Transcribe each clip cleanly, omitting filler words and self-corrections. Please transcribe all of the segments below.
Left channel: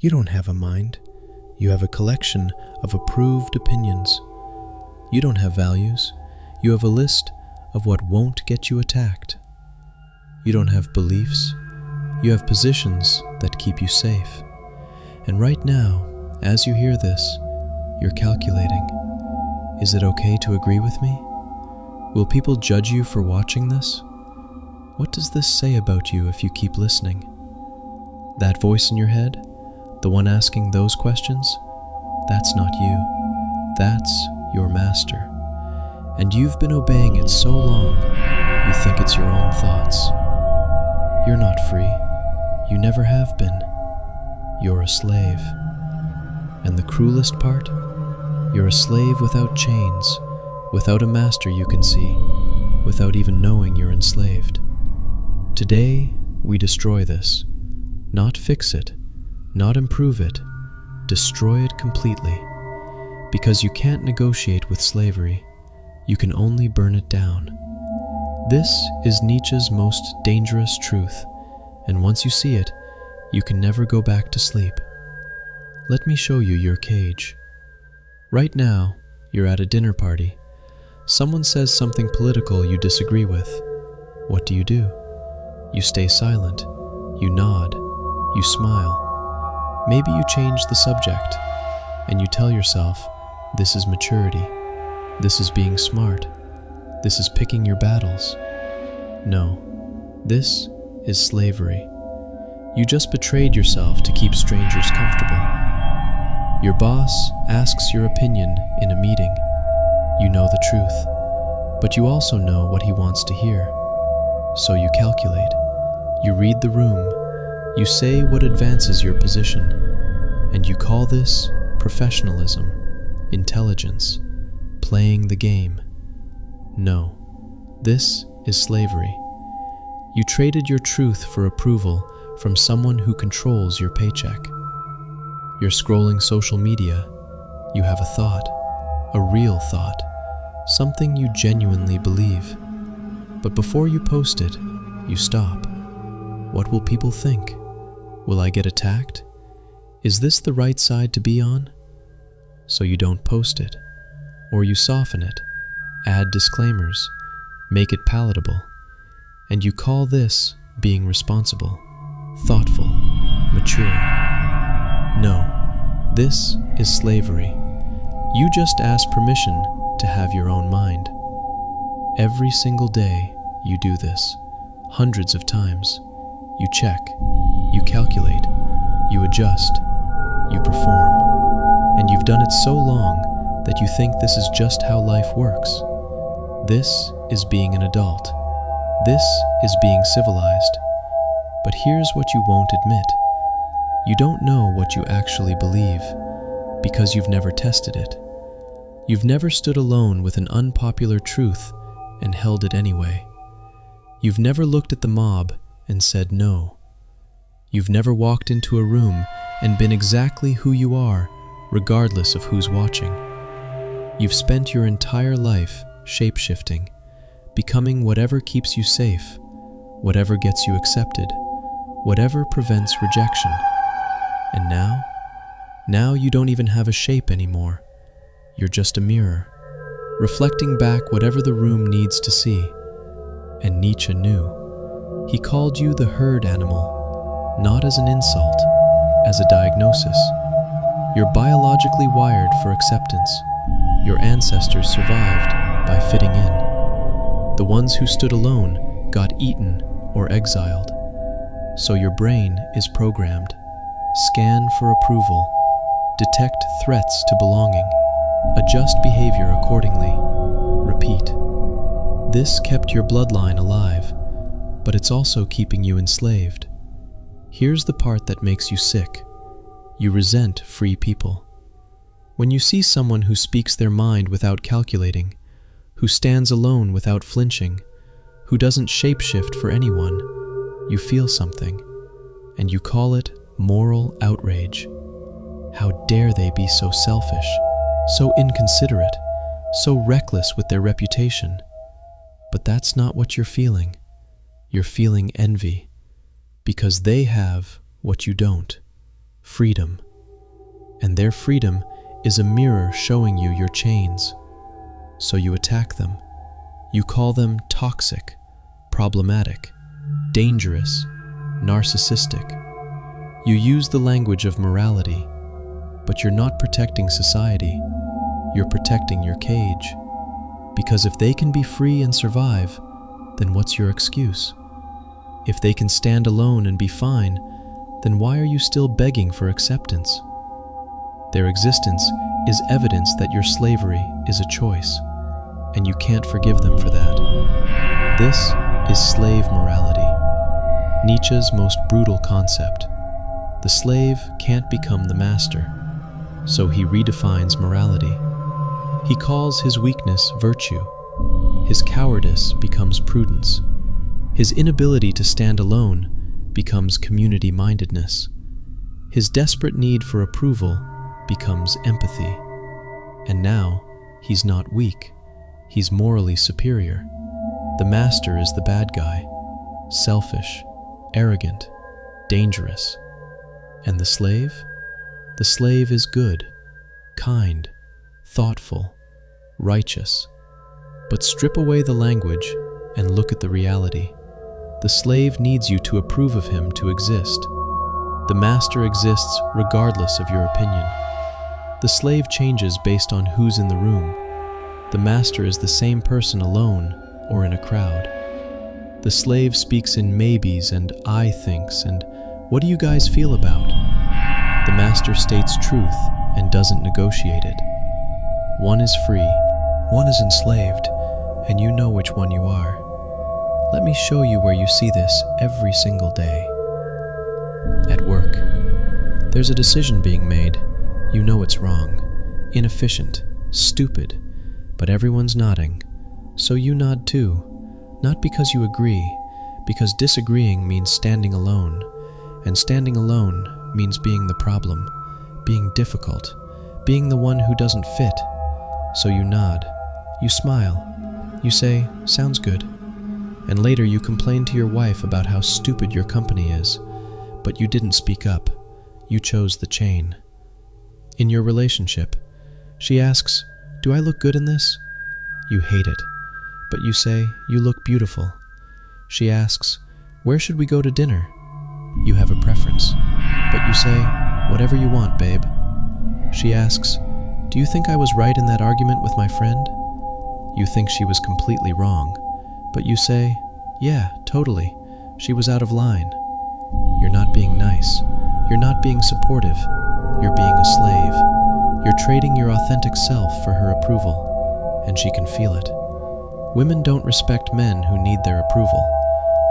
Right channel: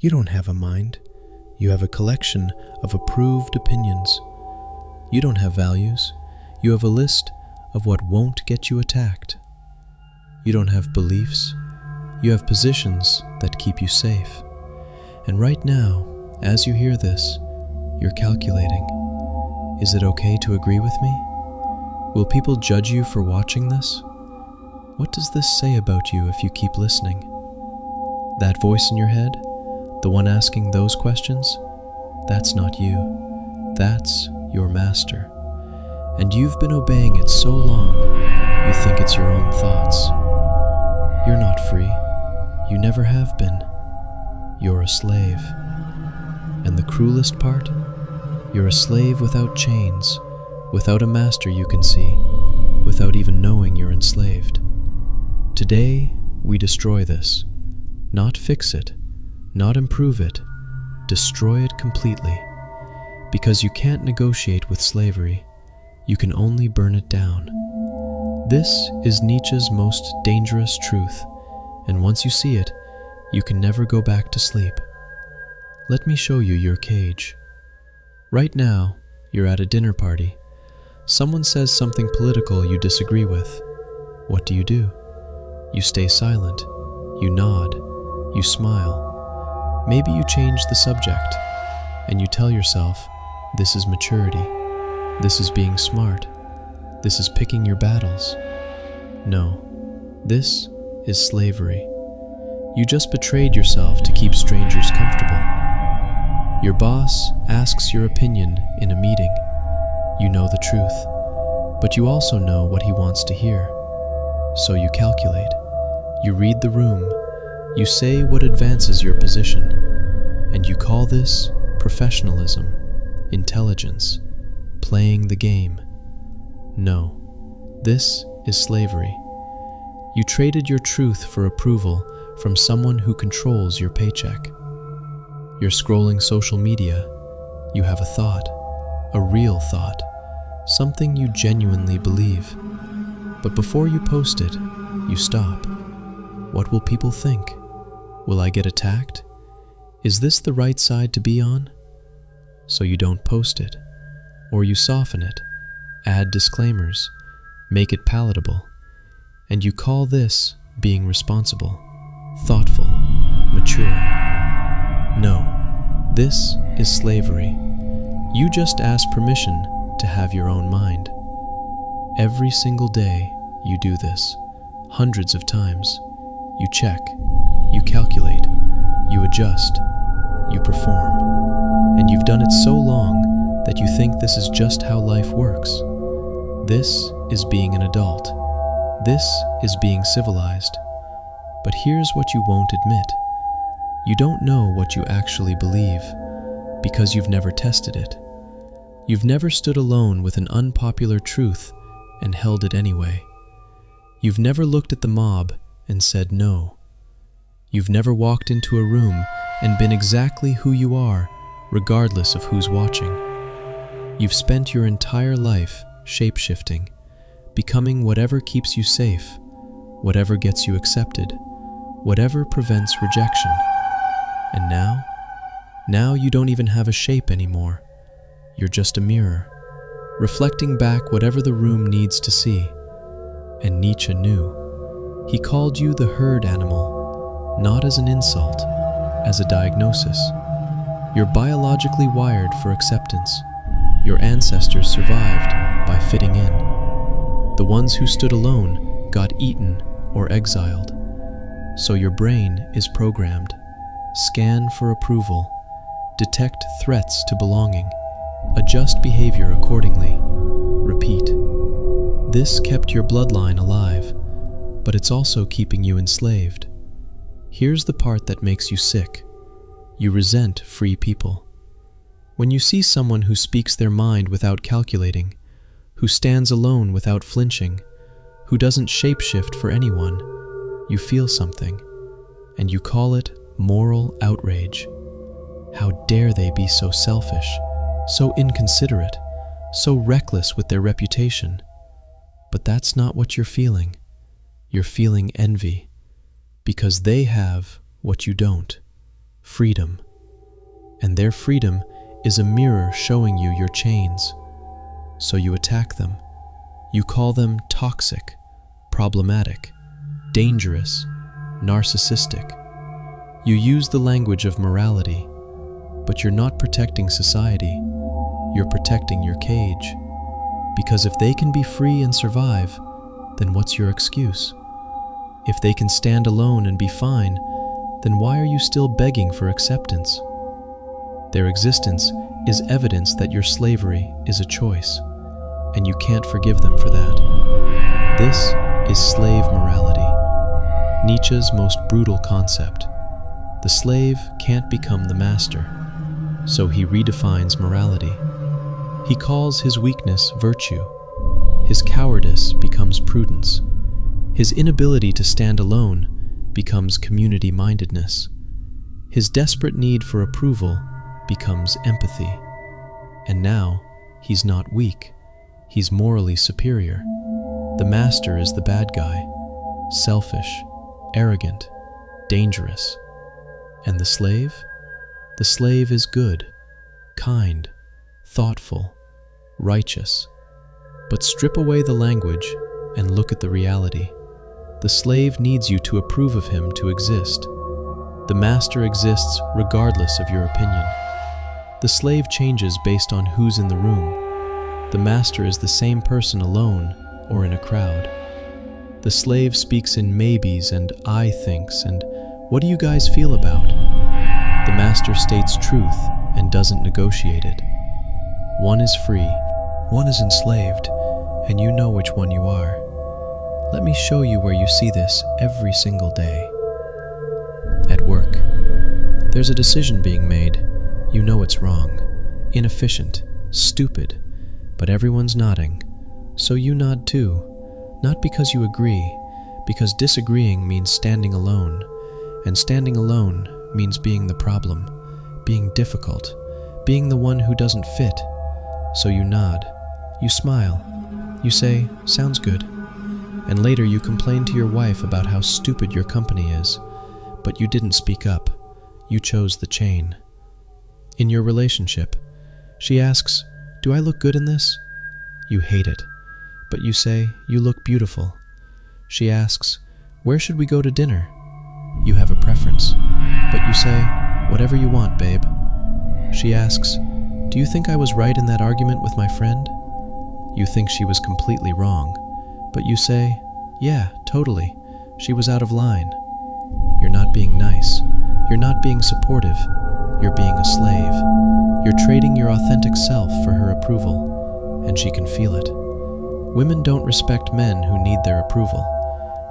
You don't have a mind. You have a collection of approved opinions. You don't have values. You have a list of what won't get you attacked. You don't have beliefs. You have positions that keep you safe. And right now, as you hear this, you're calculating. Is it okay to agree with me? Will people judge you for watching this? What does this say about you if you keep listening? That voice in your head, the one asking those questions, that's not you. That's your master. And you've been obeying it so long, you think it's your own thoughts. You're not free. You never have been. You're a slave. And the cruelest part? You're a slave without chains, without a master you can see, without even knowing you're enslaved. Today, we destroy this. Not fix it, not improve it, destroy it completely. Because you can't negotiate with slavery, you can only burn it down. This is Nietzsche's most dangerous truth, and once you see it, you can never go back to sleep. Let me show you your cage. Right now, you're at a dinner party. Someone says something political you disagree with. What do? You stay silent, you nod, you smile. Maybe you change the subject, and you tell yourself, this is maturity, this is being smart, this is picking your battles. No, this is slavery. You just betrayed yourself to keep strangers comfortable. Your boss asks your opinion in a meeting. You know the truth, but you also know what he wants to hear. So you calculate, you read the room, you say what advances your position, and you call this professionalism, intelligence, playing the game. No, this is slavery. You traded your truth for approval from someone who controls your paycheck. You're scrolling social media. You have a thought, a real thought, something you genuinely believe. But before you post it, you stop. What will people think? Will I get attacked? Is this the right side to be on? So you don't post it, or you soften it, add disclaimers, make it palatable, and you call this being responsible, thoughtful, mature. No, this is slavery. You just ask permission to have your own mind. Every single day you do this, hundreds of times. You check, you calculate, you adjust, you perform. And you've done it so long that you think this is just how life works. This is being an adult. This is being civilized. But here's what you won't admit. You don't know what you actually believe because you've never tested it. You've never stood alone with an unpopular truth and held it anyway. You've never looked at the mob and said no. You've never walked into a room and been exactly who you are, regardless of who's watching. You've spent your entire life shapeshifting, becoming whatever keeps you safe, whatever gets you accepted, whatever prevents rejection. And now you don't even have a shape anymore. You're just a mirror, reflecting back whatever the room needs to see. And Nietzsche knew. He called you the herd animal, not as an insult, as a diagnosis. You're biologically wired for acceptance. Your ancestors survived by fitting in. The ones who stood alone got eaten or exiled. So your brain is programmed. Scan for approval. Detect threats to belonging. Adjust behavior accordingly. Repeat. This kept your bloodline alive, but it's also keeping you enslaved. Here's the part that makes you sick. You resent free people. When you see someone who speaks their mind without calculating, who stands alone without flinching, who doesn't shapeshift for anyone, you feel something, and you call it moral outrage. How dare they be so selfish, so inconsiderate, so reckless with their reputation? But that's not what you're feeling. You're feeling envy, because they have what you don't. freedom. And their freedom is a mirror showing you your chains. So you attack them. You call them toxic, problematic, dangerous, narcissistic. You use the language of morality, but you're not protecting society. You're protecting your cage. Because if they can be free and survive, then what's your excuse? If they can stand alone and be fine, then why are you still begging for acceptance? Their existence is evidence that your slavery is a choice, and you can't forgive them for that. This is slave morality, Nietzsche's most brutal concept. The slave can't become the master, so he redefines morality. He calls his weakness virtue. His cowardice becomes prudence. His inability to stand alone becomes community-mindedness. His desperate need for approval becomes empathy. And now, he's not weak. He's morally superior. The master is the bad guy, selfish, arrogant, dangerous. And the slave? The slave is good, kind, thoughtful, righteous. But strip away the language and look at the reality. The slave needs you to approve of him to exist. The master exists regardless of your opinion. The slave changes based on who's in the room. The master is the same person alone or in a crowd. The slave speaks in maybes and I thinks and what do you guys feel about? The master states truth and doesn't negotiate it. One is free, one is enslaved, and you know which one you are. Let me show you where you see this every single day. At work, there's a decision being made. You know it's wrong, inefficient, stupid, but everyone's nodding, so you nod too. Not because you agree, because disagreeing means standing alone, and standing alone means being the problem, being difficult, being the one who doesn't fit. So you nod, you smile, you say, sounds good, and later you complain to your wife about how stupid your company is, but you didn't speak up, you chose the chain. In your relationship, she asks, do I look good in this? You hate it, but you say, you look beautiful. She asks, where should we go to dinner? You have a preference, but you say, whatever you want, babe. She asks, do you think I was right in that argument with my friend? You think she was completely wrong, but you say, yeah, totally, she was out of line. You're not being nice. You're not being supportive. You're being a slave. You're trading your authentic self for her approval, and she can feel it. Women don't respect men who need their approval.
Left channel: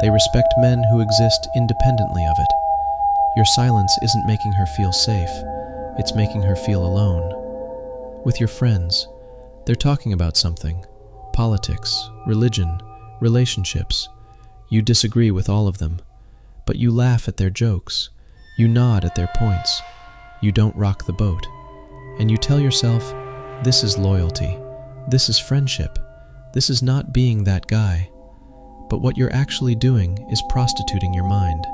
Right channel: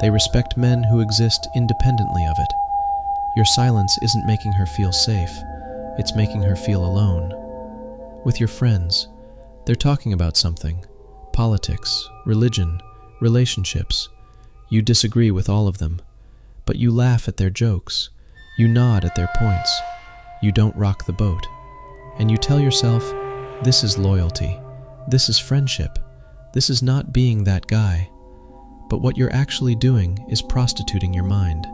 They respect men who exist independently of it. Your silence isn't making her feel safe. It's making her feel alone. With your friends, they're talking about something. Politics, religion, relationships. You disagree with all of them, but you laugh at their jokes. You nod at their points. You don't rock the boat. And you tell yourself, this is loyalty. This is friendship. This is not being that guy. But what you're actually doing is prostituting your mind.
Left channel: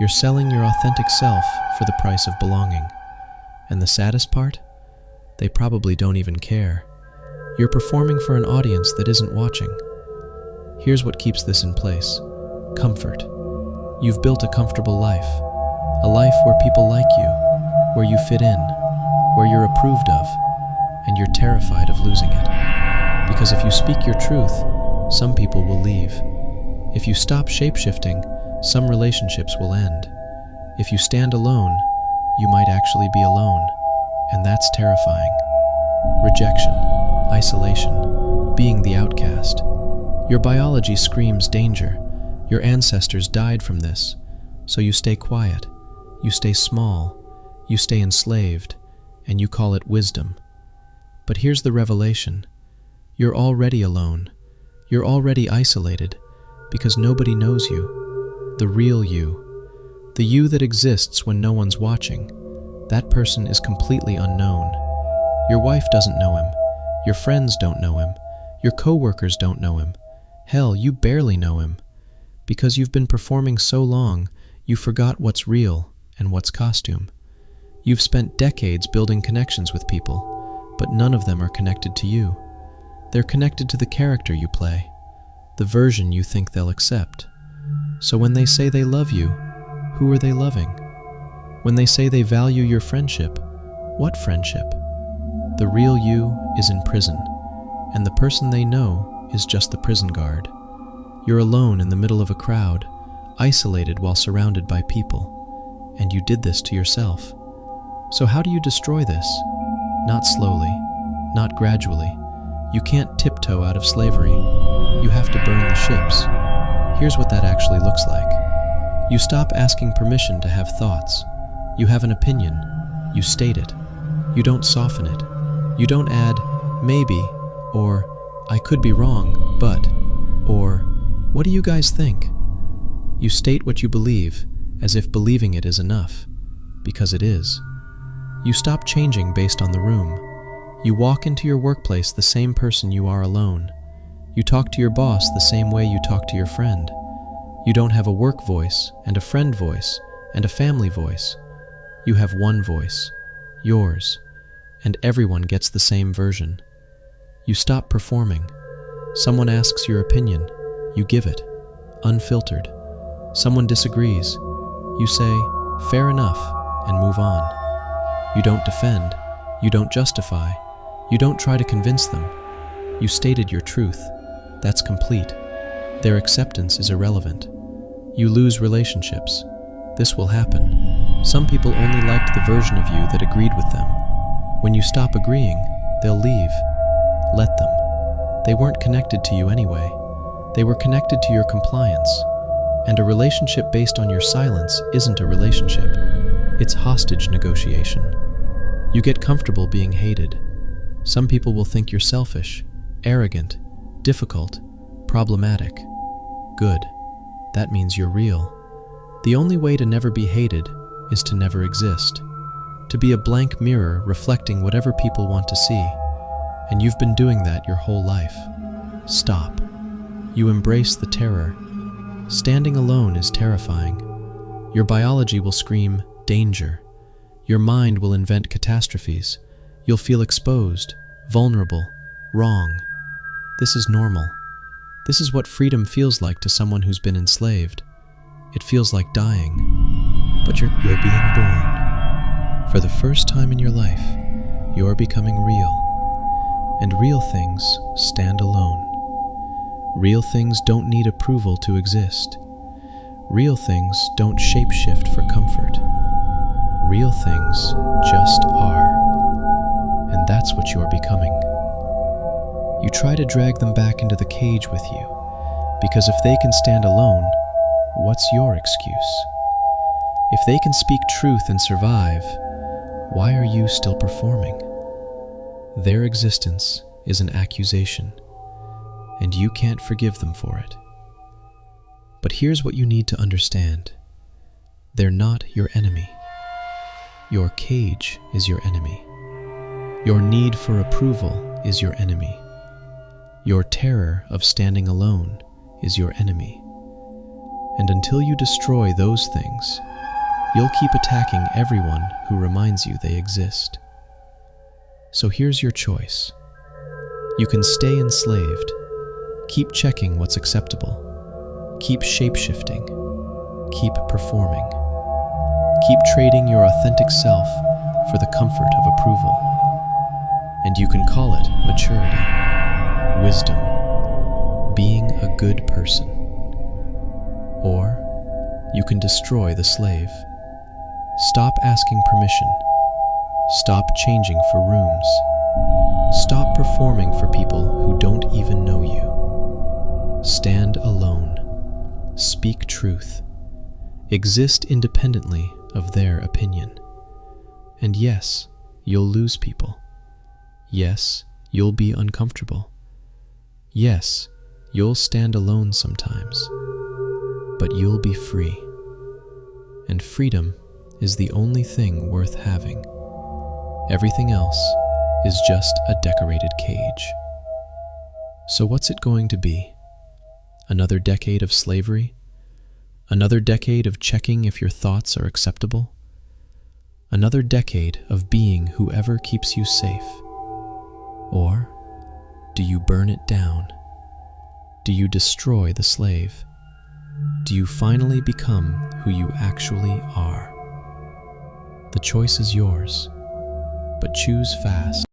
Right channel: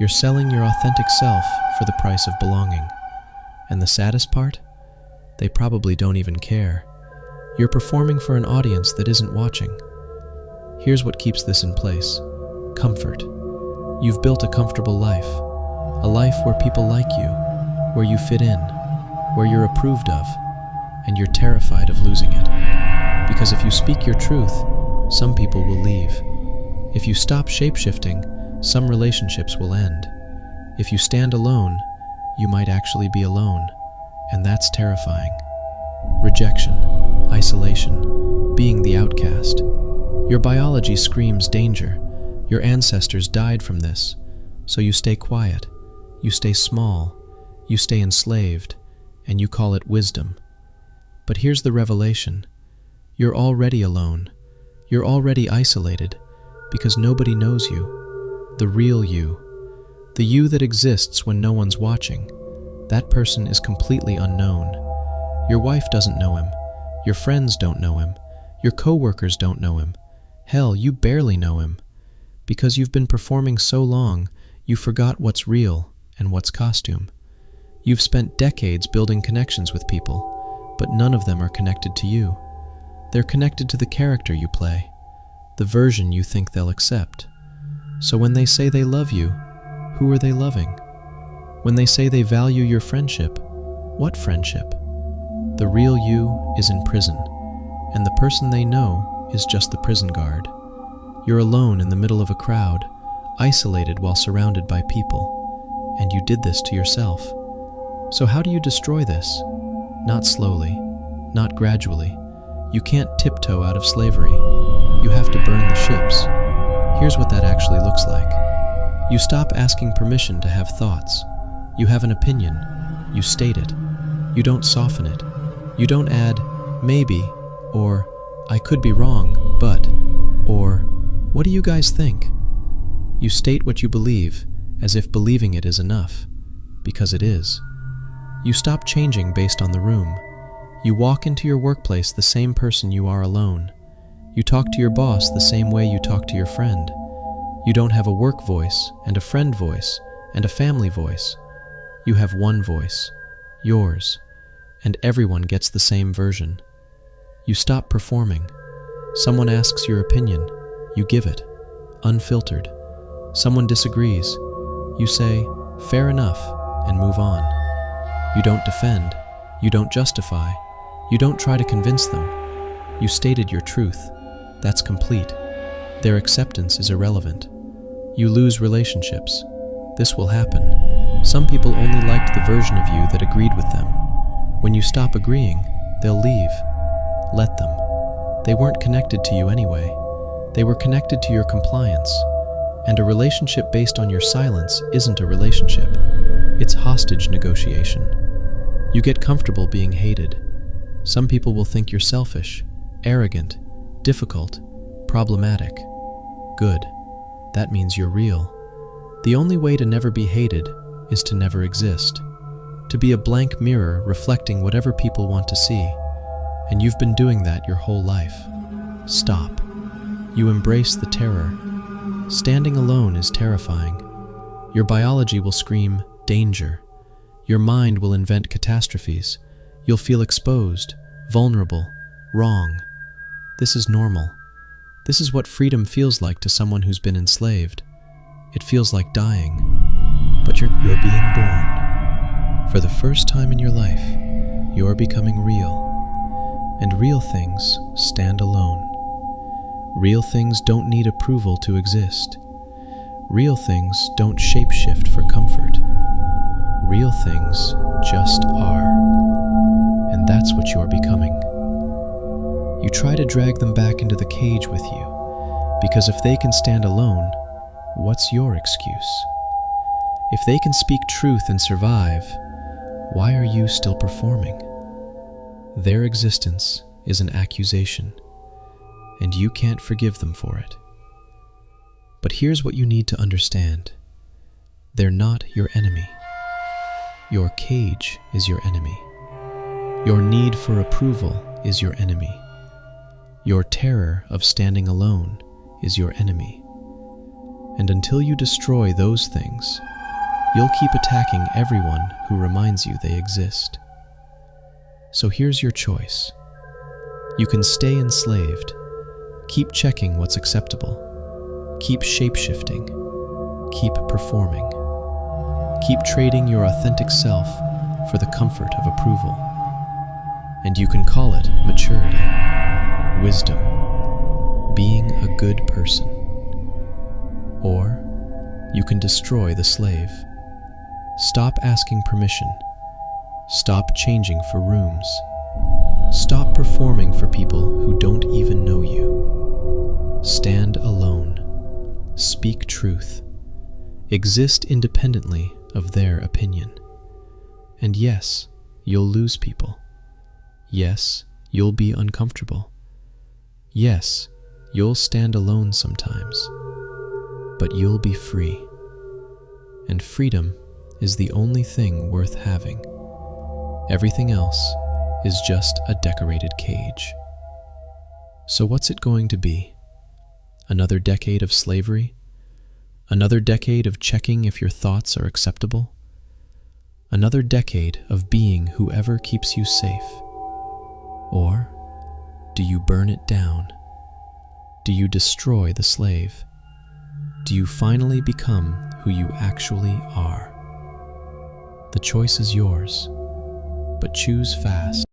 You're selling your authentic self for the price of belonging. And the saddest part? They probably don't even care. You're performing for an audience that isn't watching. Here's what keeps this in place. Comfort. You've built a comfortable life. A life where people like you, where you fit in, where you're approved of, and you're terrified of losing it. Because if you speak your truth, some people will leave. If you stop shapeshifting, some relationships will end. If you stand alone, you might actually be alone, and that's terrifying. Rejection, isolation, being the outcast. Your biology screams danger. Your ancestors died from this, so you stay quiet, you stay small, you stay enslaved, and you call it wisdom. But here's the revelation. You're already alone. You're already isolated, because nobody knows you, the real you, the you that exists when no one's watching. That person is completely unknown. Your wife doesn't know him. Your friends don't know him. Your coworkers don't know him. Hell, you barely know him. Because you've been performing so long, you forgot what's real and what's costume. You've spent decades building connections with people, but none of them are connected to you. They're connected to the character you play, the version you think they'll accept. So when they say they love you, who are they loving? When they say they value your friendship, what friendship? The real you is in prison, and the person they know is just the prison guard. You're alone in the middle of a crowd, isolated while surrounded by people, and you did this to yourself. So how do you destroy this? Not slowly, not gradually. You can't tiptoe out of slavery. You have to burn the ships. Here's what that actually looks like. You stop asking permission to have thoughts. You have an opinion. You state it. You don't soften it. You don't add, maybe, or I could be wrong, but, or what do you guys think? You state what you believe, as if believing it is enough, because it is. You stop changing based on the room. You walk into your workplace the same person you are alone. You talk to your boss the same way you talk to your friend. You don't have a work voice, and a friend voice, and a family voice. You have one voice, yours, and everyone gets the same version. You stop performing. Someone asks your opinion. You give it, unfiltered. Someone disagrees. You say, fair enough, and move on. You don't defend. You don't justify. You don't try to convince them. You stated your truth. That's complete. Their acceptance is irrelevant. You lose relationships. This will happen. Some people only liked the version of you that agreed with them. When you stop agreeing, they'll leave. Let them. They weren't connected to you anyway. They were connected to your compliance. And a relationship based on your silence isn't a relationship. It's hostage negotiation. You get comfortable being hated. Some people will think you're selfish, arrogant, difficult, problematic. Good. That means you're real. The only way to never be hated is to never exist. To be a blank mirror reflecting whatever people want to see. And you've been doing that your whole life. Stop. You embrace the terror. Standing alone is terrifying. Your biology will scream, danger. Your mind will invent catastrophes. You'll feel exposed, vulnerable, wrong. This is normal. This is what freedom feels like to someone who's been enslaved. It feels like dying. But you're being born. For the first time in your life, you're becoming real. And real things stand alone. Real things don't need approval to exist. Real things don't shapeshift for comfort. Real things just are. And that's what you're becoming. You try to drag them back into the cage with you, because if they can stand alone, what's your excuse? If they can speak truth and survive, why are you still performing? Their existence is an accusation, and you can't forgive them for it. But here's what you need to understand. They're not your enemy. Your cage is your enemy. Your need for approval is your enemy. Your terror of standing alone is your enemy. And until you destroy those things, you'll keep attacking everyone who reminds you they exist. So here's your choice. You can stay enslaved, keep checking what's acceptable, keep shapeshifting, keep performing, keep trading your authentic self for the comfort of approval. And you can call it maturity, wisdom, being a good person. Or you can destroy the slave. Stop asking permission. Stop changing for rooms. Stop performing for people who don't even know you. Stand alone. Speak truth. Exist independently of their opinion. And yes, you'll lose people. Yes, you'll be uncomfortable. Yes, you'll stand alone sometimes. But you'll be free. And freedom is the only thing worth having. Everything else is just a decorated cage. So what's it going to be? Another decade of slavery? Another decade of checking if your thoughts are acceptable? Another decade of being whoever keeps you safe? Or do you burn it down? Do you destroy the slave? Do you finally become who you actually are? The choice is yours, but choose fast.